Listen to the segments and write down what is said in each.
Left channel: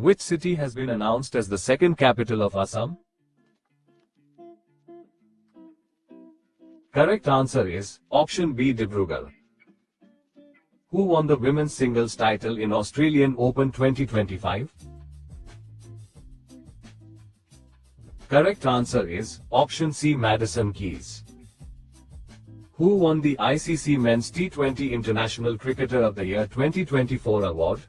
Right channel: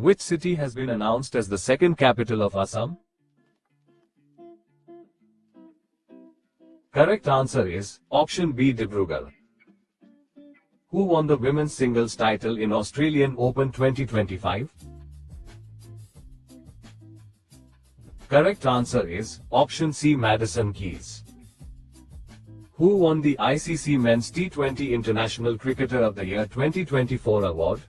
Which city has been announced as the second capital of Assam? Correct answer is option B, Dibrugarh. Who won the women's singles title in Australian Open 2025? Correct answer is option C, Madison Keys. Who won the ICC Men's T20 International Cricketer of the Year 2024 award?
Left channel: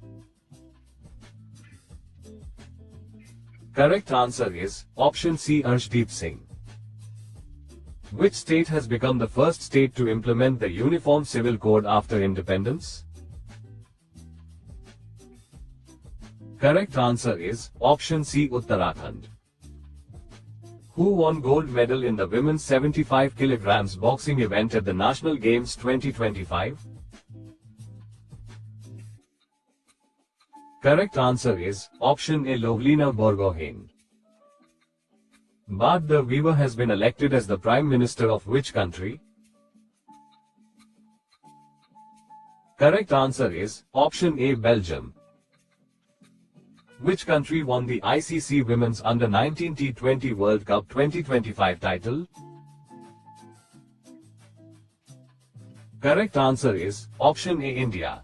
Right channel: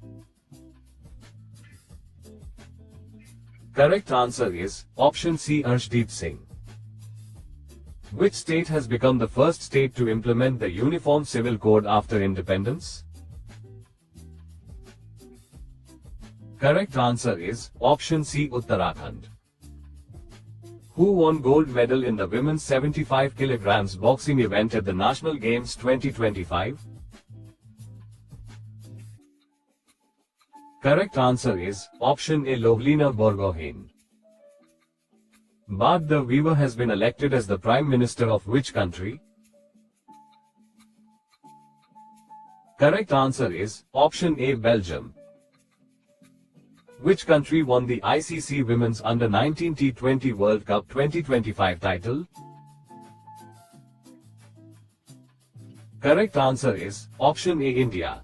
Correct answer is option C, Arshdeep Singh. Which state has become the first state to implement the Uniform Civil Code after independence? Correct answer is option C, Uttarakhand. Who won gold medal in the women's 75 kg boxing event at the National Games 2025? Correct answer is option A, Lovlina Borgohain. Bart de Wever has been elected as the Prime Minister of which country? Correct answer is option A, Belgium. Which country won the ICC Women's Under-19 T20 World Cup 2025 title? Correct answer is option A, India.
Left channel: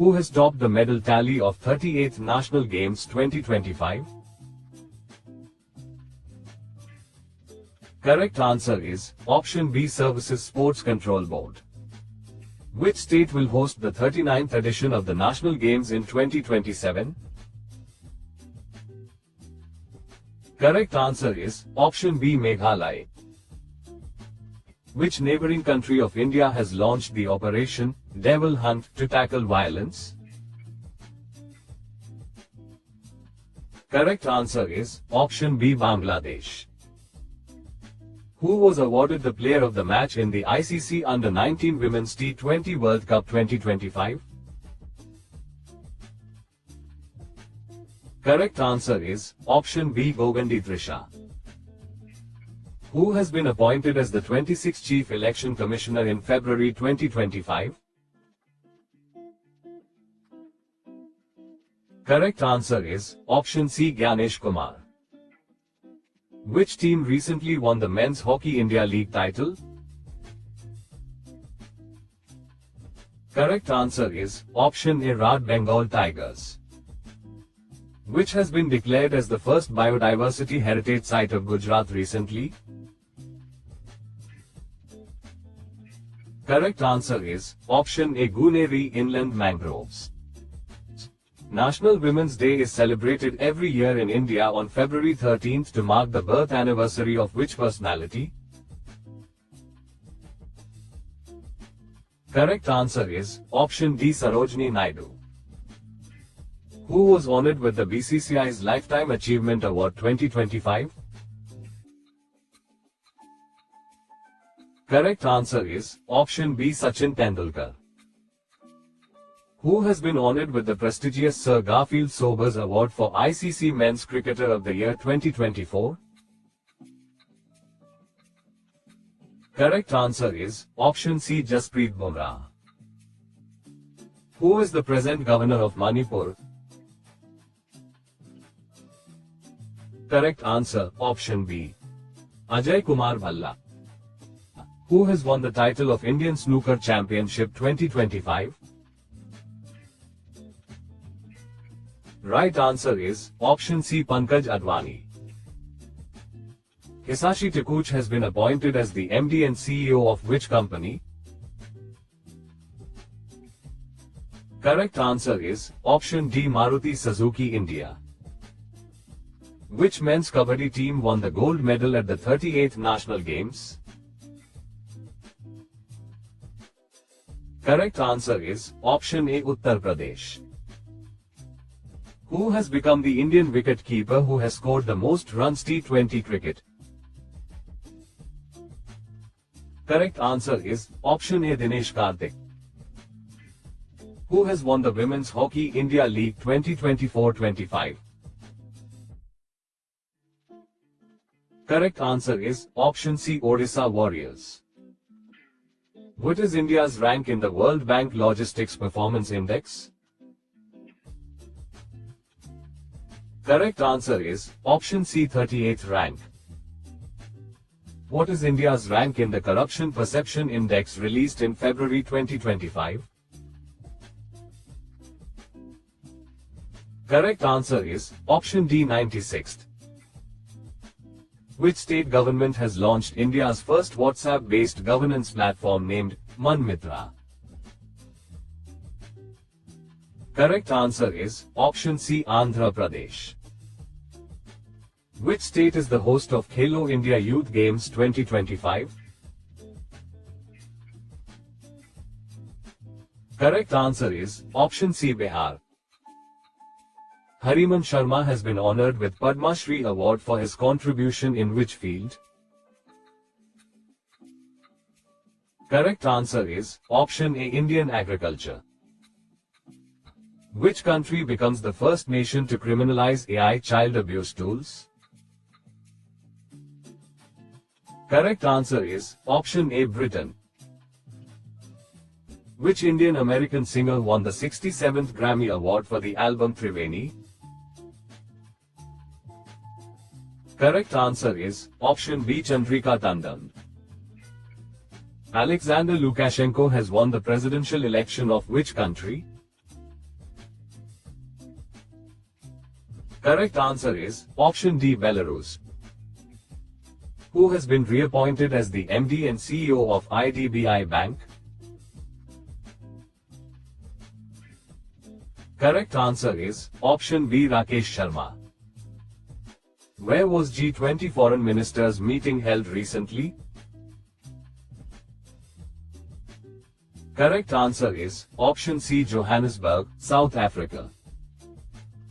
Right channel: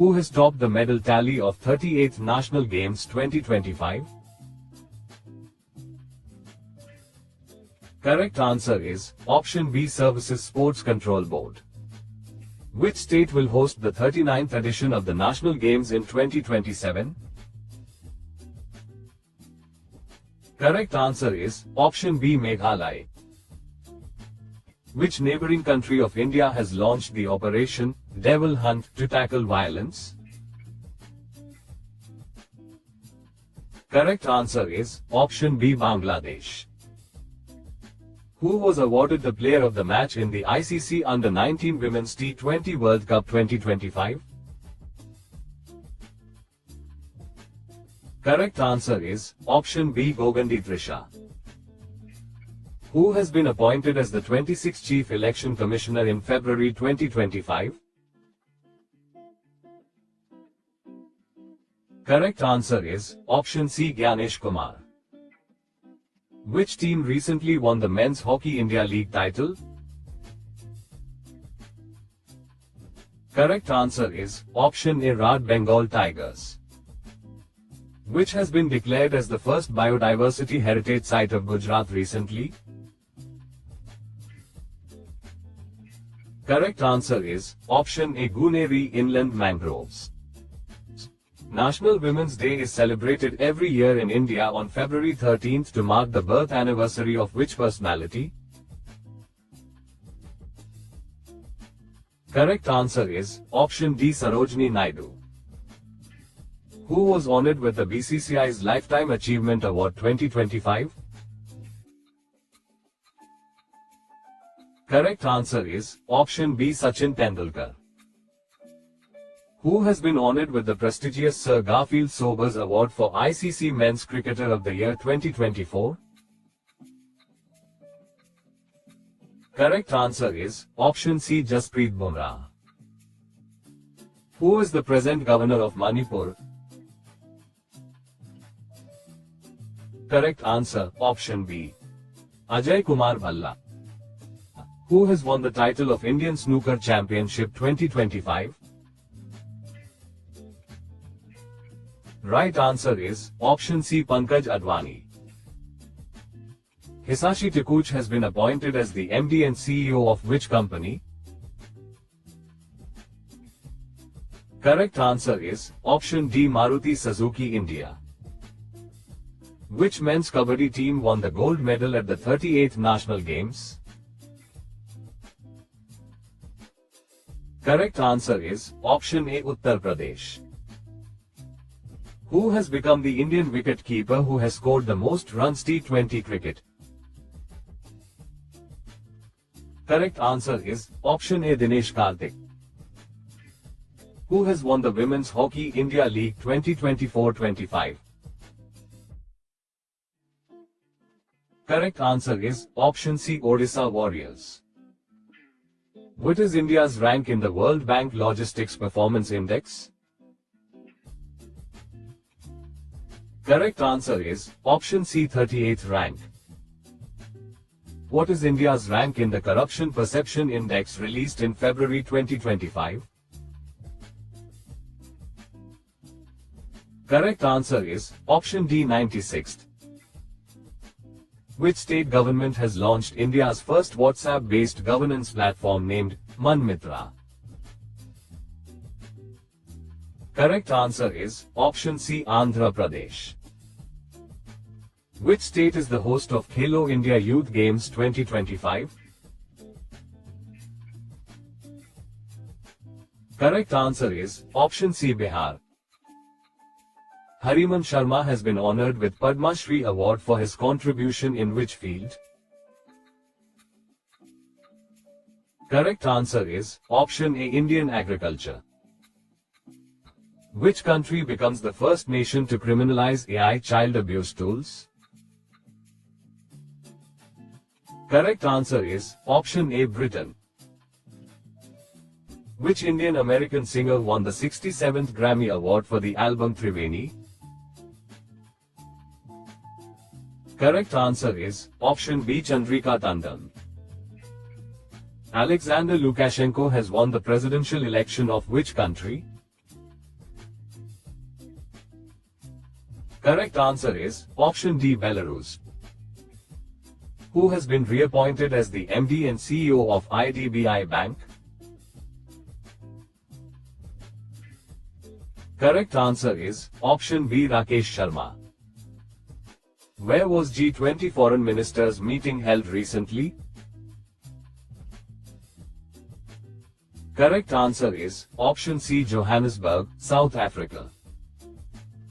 Who has topped the medal tally of 38th National Games 2025? Correct answer is option B, Services Sports Control Board. Which state will host the 39th edition of the National Games in 2027? Correct answer is option B, Meghalaya. Which neighboring country of India has launched the Operation Devil Hunt to tackle violence? Correct answer is option B, Bangladesh. Who was awarded the Player of the Match in the ICC Under-19 Women's T20 World Cup 2025? Correct answer is option B, Gogandi Trisha. Who has been appointed as the 26th Chief Election Commissioner in February 2025? Correct answer is option C, Gyanesh Kumar. Which team recently won the Men's Hockey India League title? Correct answer is option A, Rad Bengal Tigers. Which has been declared as the first biodiversity heritage site of Gujarat recently? Correct answer is option A, Guneri Inland Mangroves. National Women's Day is celebrated every year in India on February 13th to mark the birth anniversary of which personality? Correct answer is option D, Sarojini Naidu. Who was honored with the BCCI's Lifetime Achievement Award 2025? Correct answer is option B, Sachin Tendulkar. Who has been honored with the prestigious Sir Garfield Sobers Award for ICC Men's Cricketer of the Year 2024? Correct answer is option C, Jasprit Bumrah. Who is the present governor of Manipur? Correct answer option B, Ajay Kumar Bhalla. Who has won the title of Indian Snooker Championship 2025? Right answer is option C, Pankaj Advani. Hisashi Takuch has been appointed as the MD and CEO of which company? Correct answer is option D, Maruti Suzuki India. Which men's kabaddi team won the gold medal at the 38th National Games? Correct answer is option A, Uttar Pradesh. Who has become the Indian wicket-keeper who has scored the most runs T20 cricket? Correct answer is option A, Dinesh Karthik. Who has won the Women's Hockey India League 2024-25? Correct answer is option C, Odisha Warriors. What is India's rank in the World Bank Logistics Performance Index? Correct answer is option C, 38th rank. What is India's rank in the Corruption Perception Index released in February 2025? Correct answer is option D, 96th. Which state government has launched India's first WhatsApp-based governance platform named Manmitra? Correct answer is option C, Andhra Pradesh. Which state is the host of Khelo India Youth Games 2025? Correct answer is option C, Bihar. Hariman Sharma has been honored with Padma Shri Award for his contribution in which field? Correct answer is option A, Indian agriculture. Which country becomes the first nation to criminalize AI child abuse tools? Correct answer is option A, Britain. Which Indian American singer won the 67th Grammy Award for the album Triveni? Correct answer is option B, Chandrika Tandon. Alexander Lukashenko has won the presidential election of which country? Correct answer is option D, Belarus. Who has been reappointed as the MD and CEO of IDBI Bank? Correct answer is option B, Rakesh Sharma. Where was G20 foreign ministers meeting held recently? Correct answer is option C, Johannesburg, South Africa.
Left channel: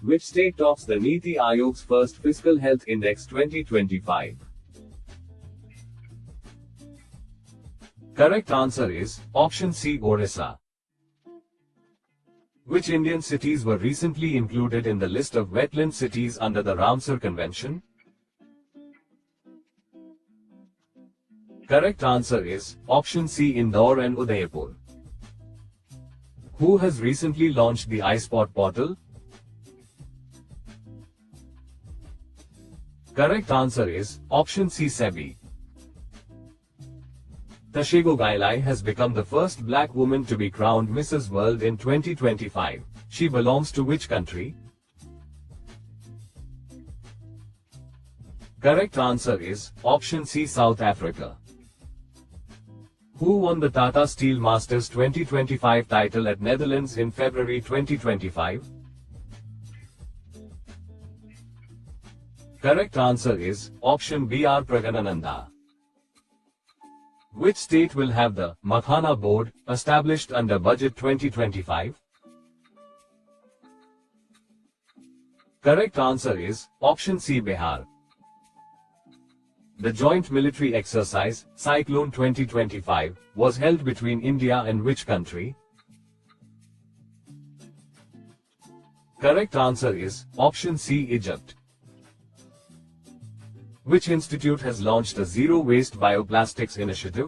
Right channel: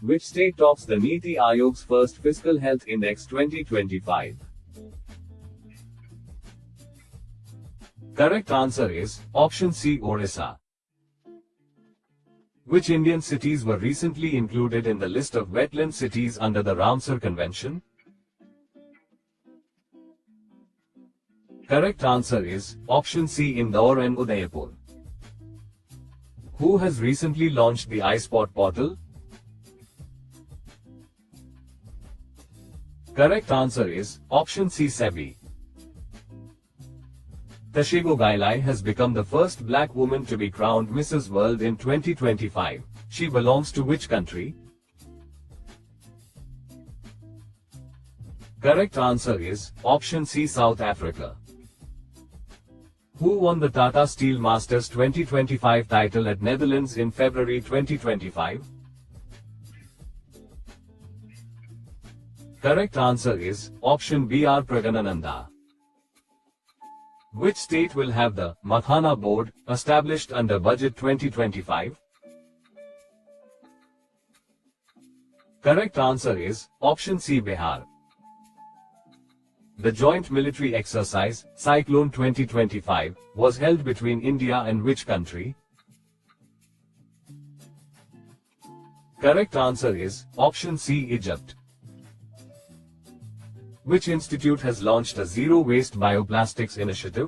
Which state tops the Niti Aayog's first Fiscal Health Index 2025? Correct answer is option C, Orissa. Which Indian cities were recently included in the list of wetland cities under the Ramsar Convention? Correct answer is option C, Indore and Udaipur. Who has recently launched the iSpot portal? Correct answer is option C, SEBI. Tashego Gailai has become the first black woman to be crowned Mrs. World in 2025. She belongs to which country? Correct answer is option C, South Africa. Who won the Tata Steel Masters 2025 title at Netherlands in February 2025? Correct answer is option B, R. Praganananda. Which state will have the Mathana board established under Budget 2025? Correct answer is option C, Bihar. The joint military exercise, Cyclone 2025, was held between India and which country? Correct answer is option C, Egypt. Which institute has launched a zero-waste bioplastics initiative?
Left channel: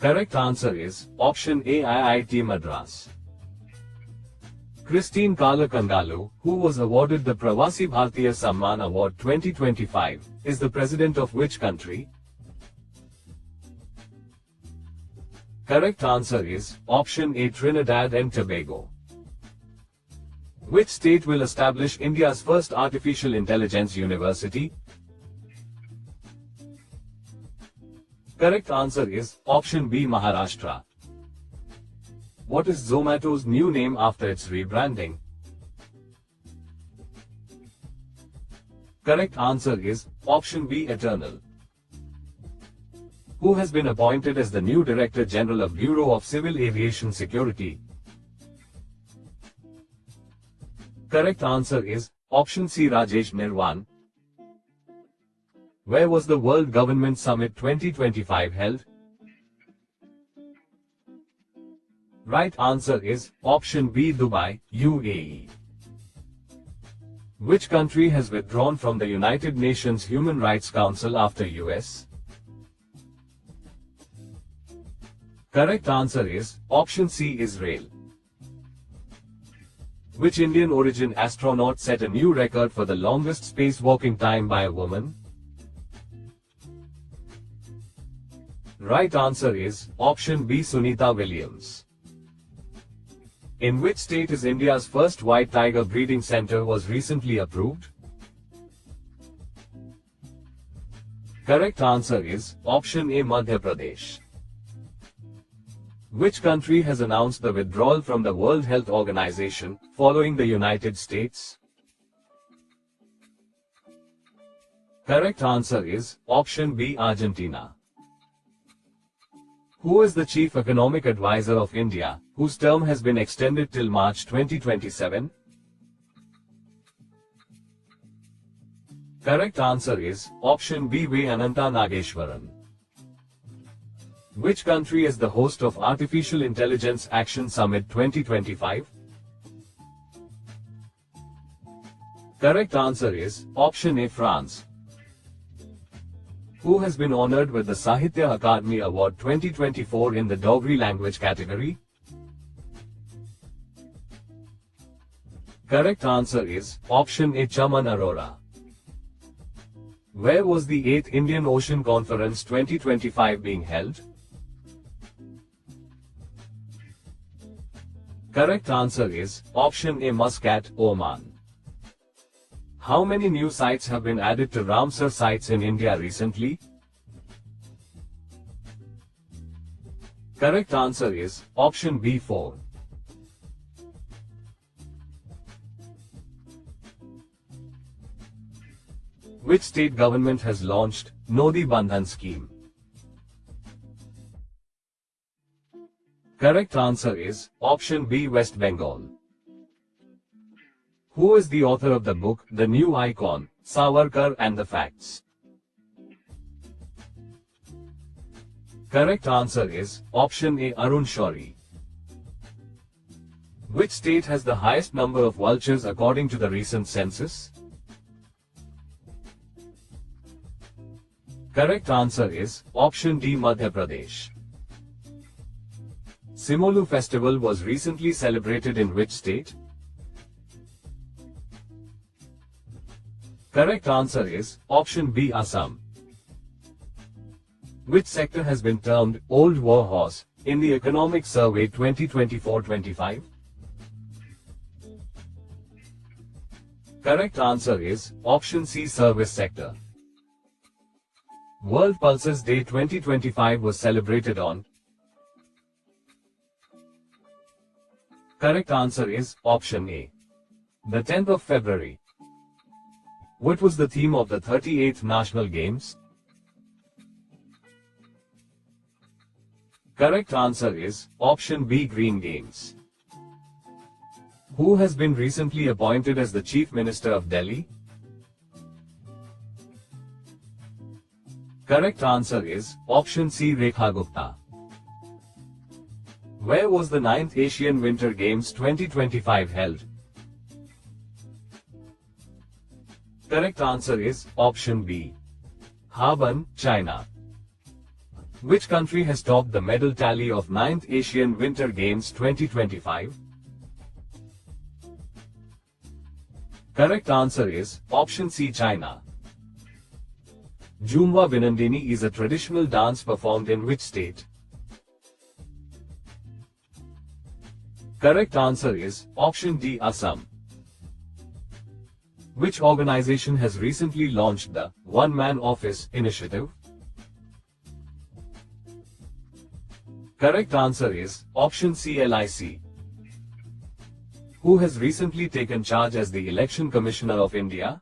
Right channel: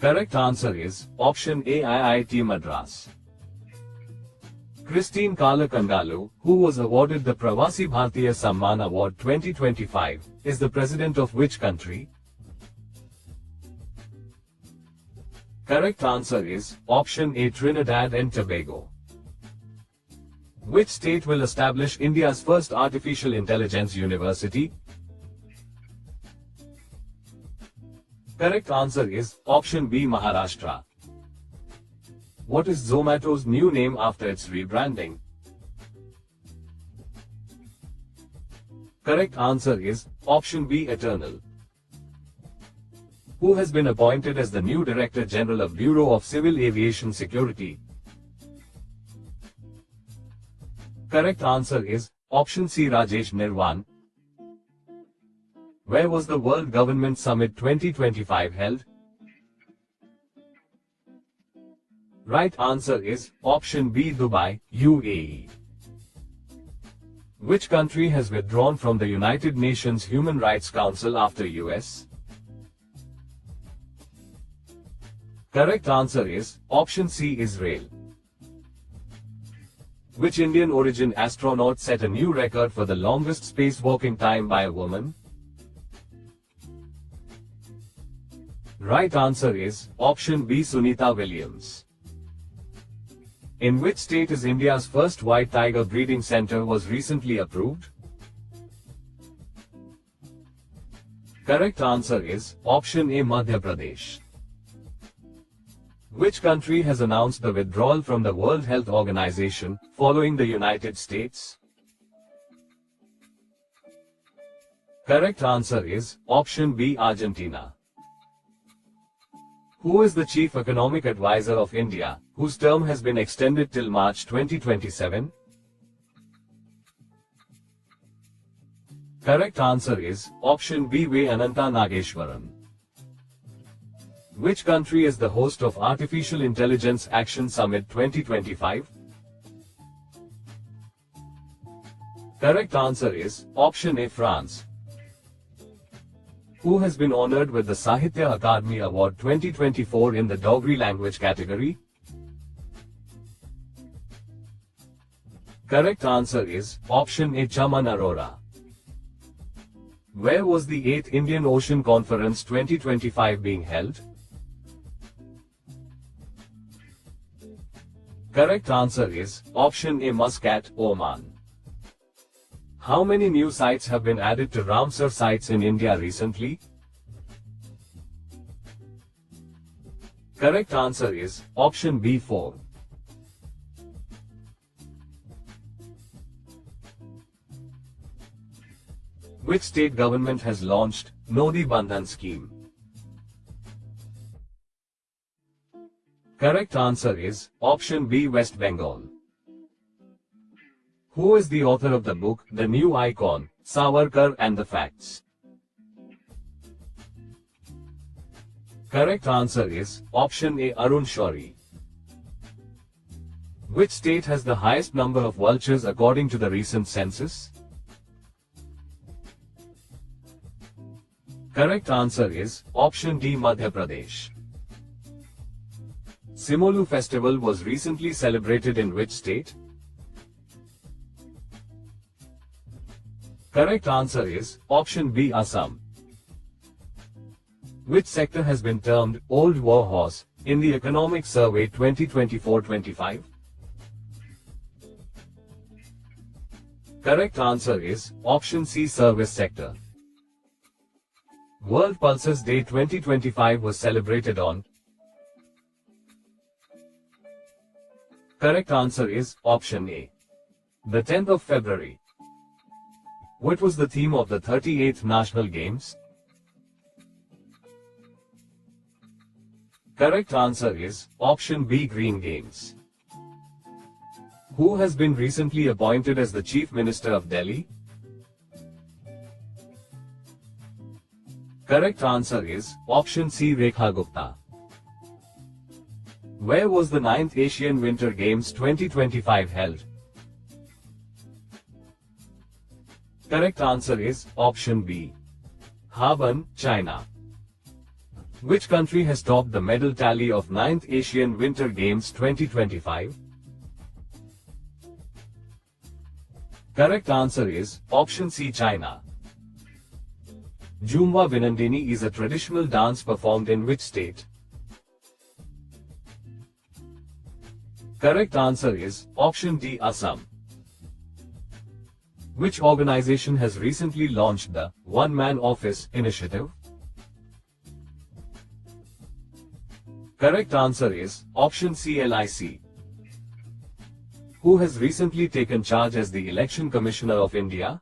Correct answer is option A, IIT Madras. Christine Kalakangalu, who was awarded the Pravasi Bhartiya Samman Award 2025, is the president of which country? Correct answer is option A, Trinidad and Tobago. Which state will establish India's first artificial intelligence university? Correct answer is option B, Maharashtra. What is Zomato's new name after its rebranding? Correct answer is option B, Eternal. Who has been appointed as the new Director General of Bureau of Civil Aviation Security? Correct answer is option C, Rajesh Nirwan. Where was the World Government Summit 2025 held? Right answer is option B, Dubai, UAE. Which country has withdrawn from the United Nations Human Rights Council after US? Correct answer is option C, Israel. Which Indian origin astronaut set a new record for the longest spacewalking time by a woman? Right answer is option B, Sunita Williams. In which state is India's first white tiger breeding center was recently approved? Correct answer is option A, Madhya Pradesh. Which country has announced the withdrawal from the World Health Organization, following the United States? Correct answer is option B, Argentina. Who is the Chief Economic Advisor of India, whose term has been extended till March 2027? Correct answer is option B, V. Ananta Nageshwaran. Which country is the host of Artificial Intelligence Action Summit 2025? Correct answer is option A, France. Who has been honored with the Sahitya Akademi Award 2024 in the Dogri language category? Correct answer is option A, Chaman Arora. Where was the 8th Indian Ocean Conference 2025 being held? Correct answer is option A, Muscat, Oman. How many new sites have been added to Ramsar sites in India recently? Correct answer is option B, 4. Which state government has launched Nodi Bandhan scheme? Correct answer is option B, West Bengal. Who is the author of the book The New Icon, Savarkar and the Facts? Correct answer is option A, Arun Shourie. Which state has the highest number of vultures according to the recent census? Correct answer is option D, Madhya Pradesh. Simolu festival was recently celebrated in which state? Correct answer is option B, Assam. Which sector has been termed Old War Horse in the Economic Survey 2024-25? Correct answer is option C, Service sector. World Pulses Day 2025 was celebrated on? Correct answer is option A, the 10th of February. What was the theme of the 38th National Games? Correct answer is option B, Green Games. Who has been recently appointed as the Chief Minister of Delhi? Correct answer is option C, Rekha Gupta. Where was the 9th Asian Winter Games 2025 held? Correct answer is option B, Harbin, China. Which country has topped the medal tally of 9th Asian Winter Games 2025? Correct answer is option C, China. Jhumwa Binandini is a traditional dance performed in which state? Correct answer is option D, Assam. Which organization has recently launched the One Man Office initiative? Correct answer is option C, LIC. Who has recently taken charge as the Election Commissioner of India?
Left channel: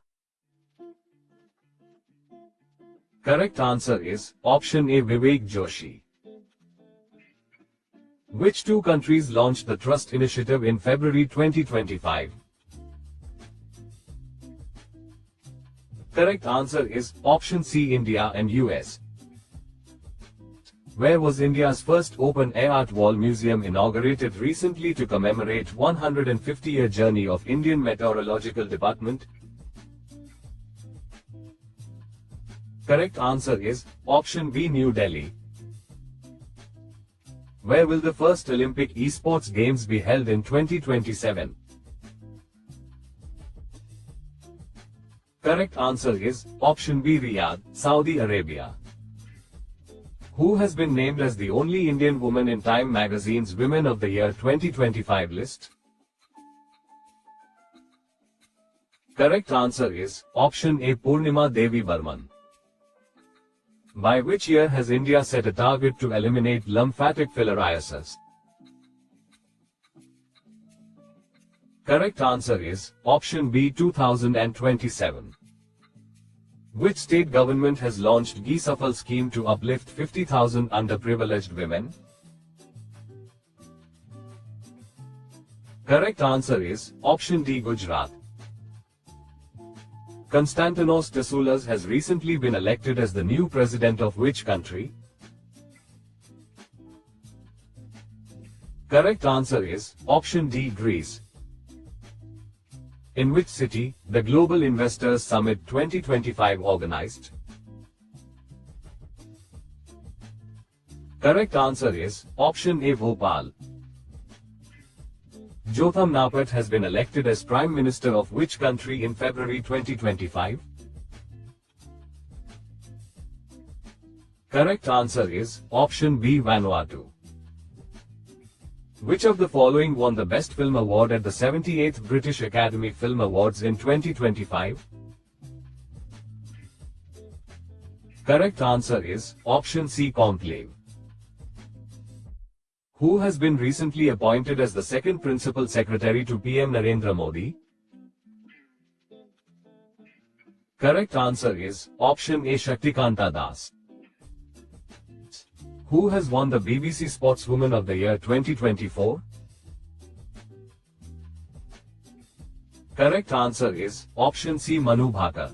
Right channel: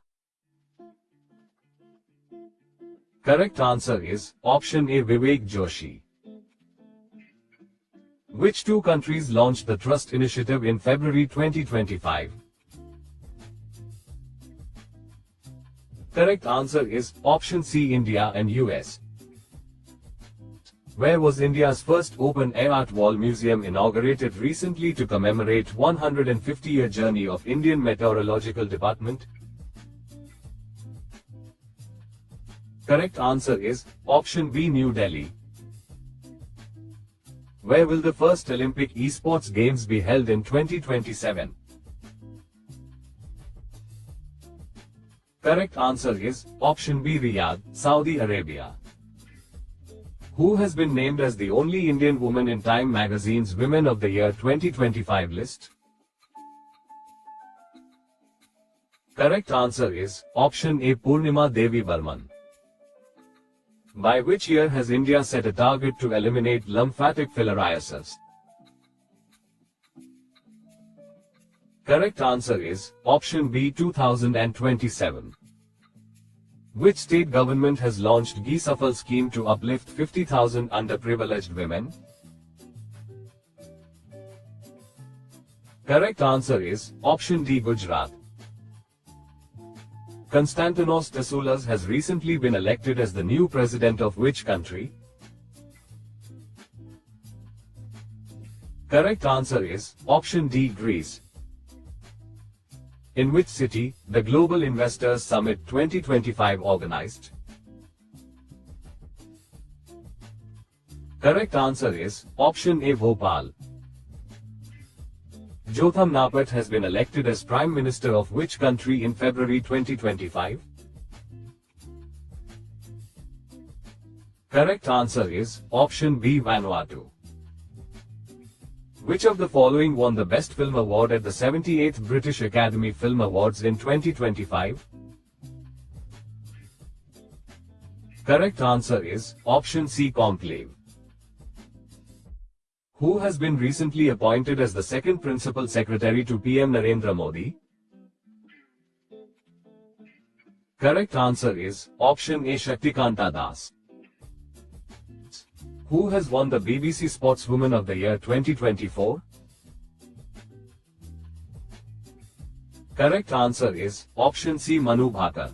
Correct answer is option A, Vivek Joshi. Which two countries launched the Trust Initiative in February 2025? Correct answer is option C, India and US. Where was India's first open-air art wall museum inaugurated recently to commemorate 150-year journey of Indian Meteorological Department? Correct answer is option B, New Delhi. Where will the first Olympic Esports Games be held in 2027? Correct answer is option B, Riyadh, Saudi Arabia. Who has been named as the only Indian woman in Time magazine's Women of the Year 2025 list? Correct answer is option A, Purnima Devi Burman. By which year has India set a target to eliminate lymphatic filariasis? Correct answer is option B, 2027. Which state government has launched Gi Safal scheme to uplift 50,000 underprivileged women? Correct answer is option D, Gujarat. Konstantinos Tesoulas has recently been elected as the new president of which country? Correct answer is option D, Greece. In which city the Global Investors Summit 2025 organized? Correct answer is option A, Bhopal. Jotham Napat has been elected as Prime Minister of which country in February 2025? Correct answer is option B, Vanuatu. Which of the following won the Best Film Award at the 78th British Academy Film Awards in 2025? Correct answer is option C, Conclave. Who has been recently appointed as the second Principal Secretary to PM Narendra Modi? Correct answer is option A, Shaktikanta Das. Who has won the BBC Sportswoman of the Year 2024? Correct answer is option C, Manu Bhaker.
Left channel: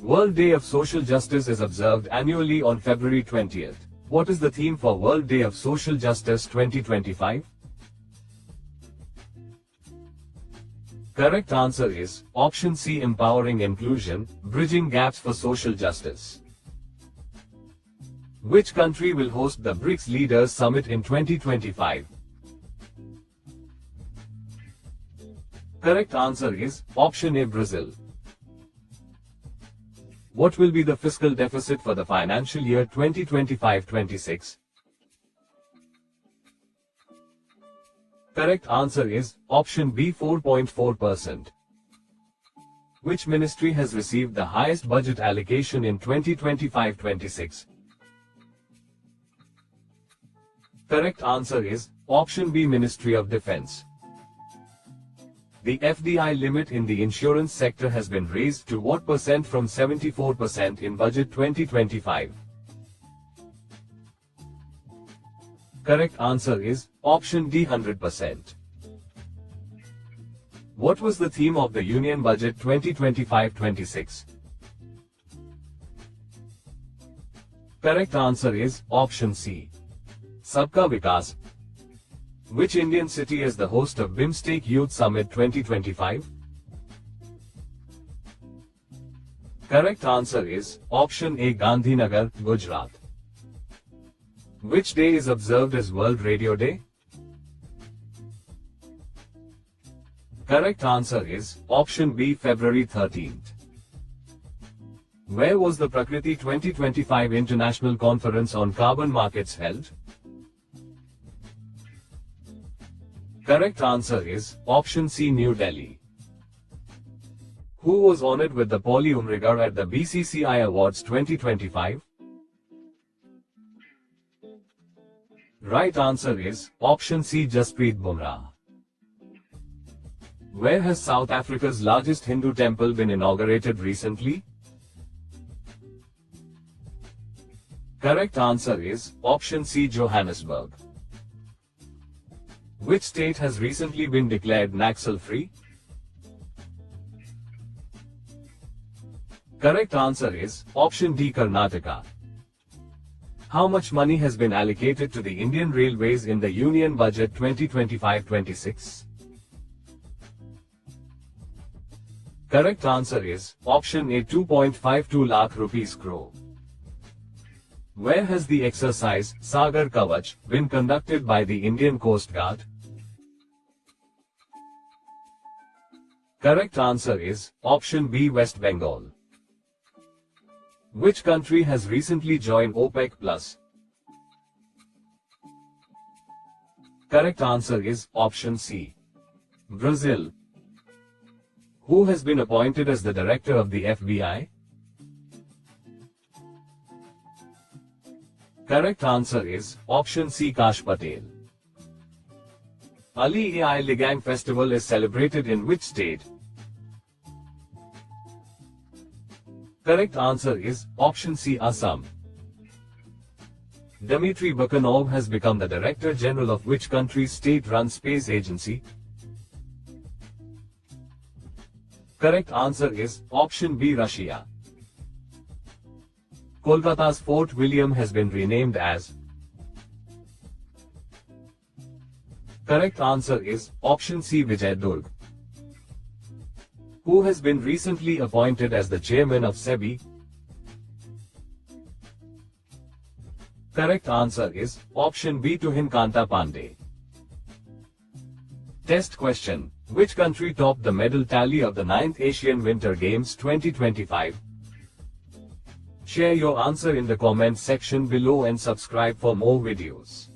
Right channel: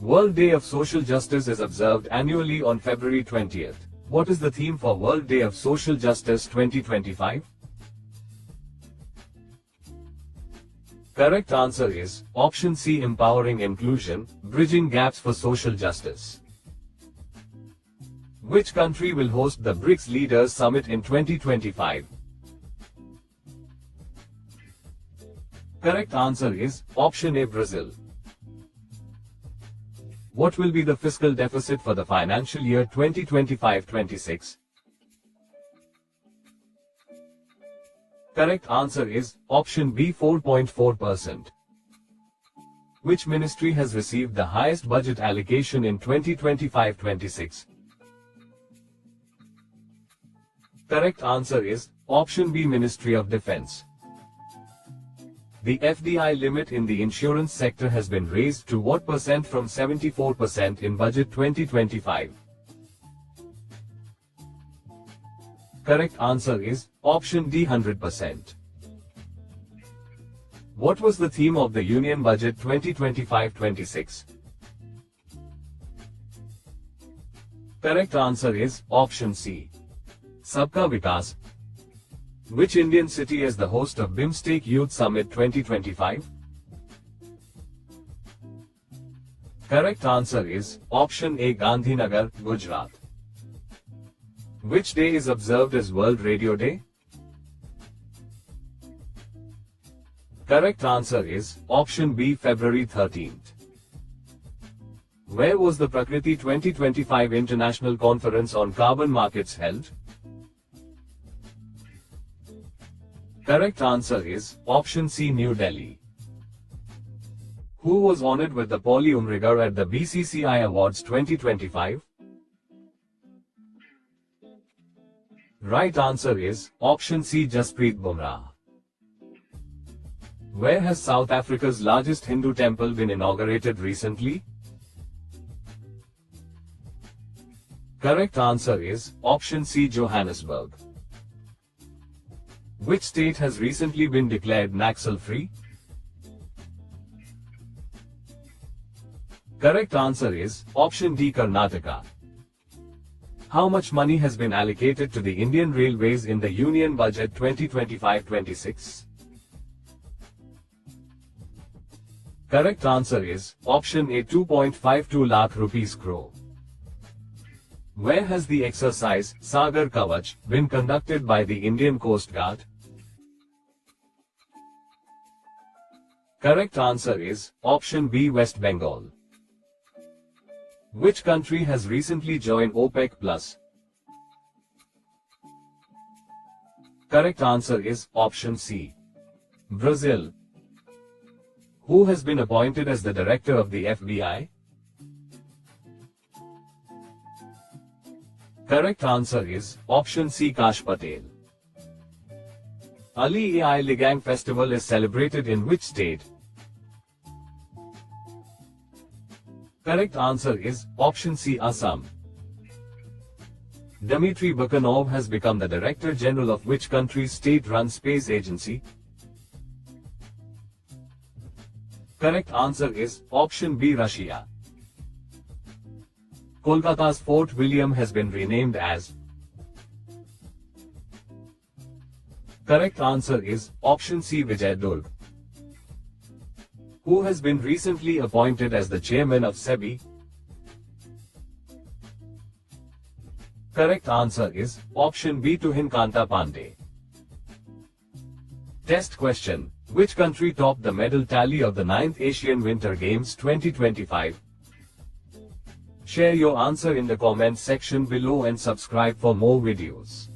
World Day of Social Justice is observed annually on February 20th. What is the theme for World Day of Social Justice 2025? Correct answer is option C, Empowering Inclusion, Bridging Gaps for Social Justice. Which country will host the BRICS Leaders Summit in 2025? Correct answer is option A, Brazil. What will be the fiscal deficit for the financial year 2025-26? Correct answer is option B, 4.4%. Which ministry has received the highest budget allocation in 2025-26? Correct answer is option B, Ministry of Defense. The FDI limit in the insurance sector has been raised to what percent from 74% in budget 2025? Correct answer is option D, 100%. What was the theme of the Union Budget 2025-26? Correct answer is option C, Sabka Vikas. Which Indian city is the host of BIMSTEC Youth Summit 2025? Correct answer is option A, Gandhinagar, Gujarat. Which day is observed as World Radio Day? Correct answer is option B, February 13th. Where was the Prakriti 2025 International Conference on Carbon Markets held? Correct answer is option C, New Delhi. Who was honored with the Paulie Umrigar at the BCCI Awards 2025? Right answer is option C, Jasprit Bumrah. Where has South Africa's largest Hindu temple been inaugurated recently? Correct answer is option C, Johannesburg. Which state has recently been declared Naxal-free? Correct answer is option D, Karnataka. How much money has been allocated to the Indian Railways in the Union Budget 2025-26? Correct answer is option A, 2.52 lakh rupees crore. Where has the exercise Sagar Kavach been conducted by the Indian Coast Guard? Correct answer is option B, West Bengal. Which country has recently joined OPEC Plus? Correct answer is option C, Brazil. Who has been appointed as the director of the FBI? Correct answer is option C, Kash Patel. Ali-e Ligang festival is celebrated in which state? Correct answer is option C, Assam. Dmitry Bakanov has become the Director General of which country's state-run space agency? Correct answer is option B, Russia. Kolkata's Fort William has been renamed as? Correct answer is option C, Vijayadurg. Who has been recently appointed as the chairman of SEBI? Correct answer is option B, Tuhin Kanta Pandey. Test question. Which country topped the medal tally of the 9th Asian Winter Games 2025? Share your answer in the comment section below and subscribe for more videos.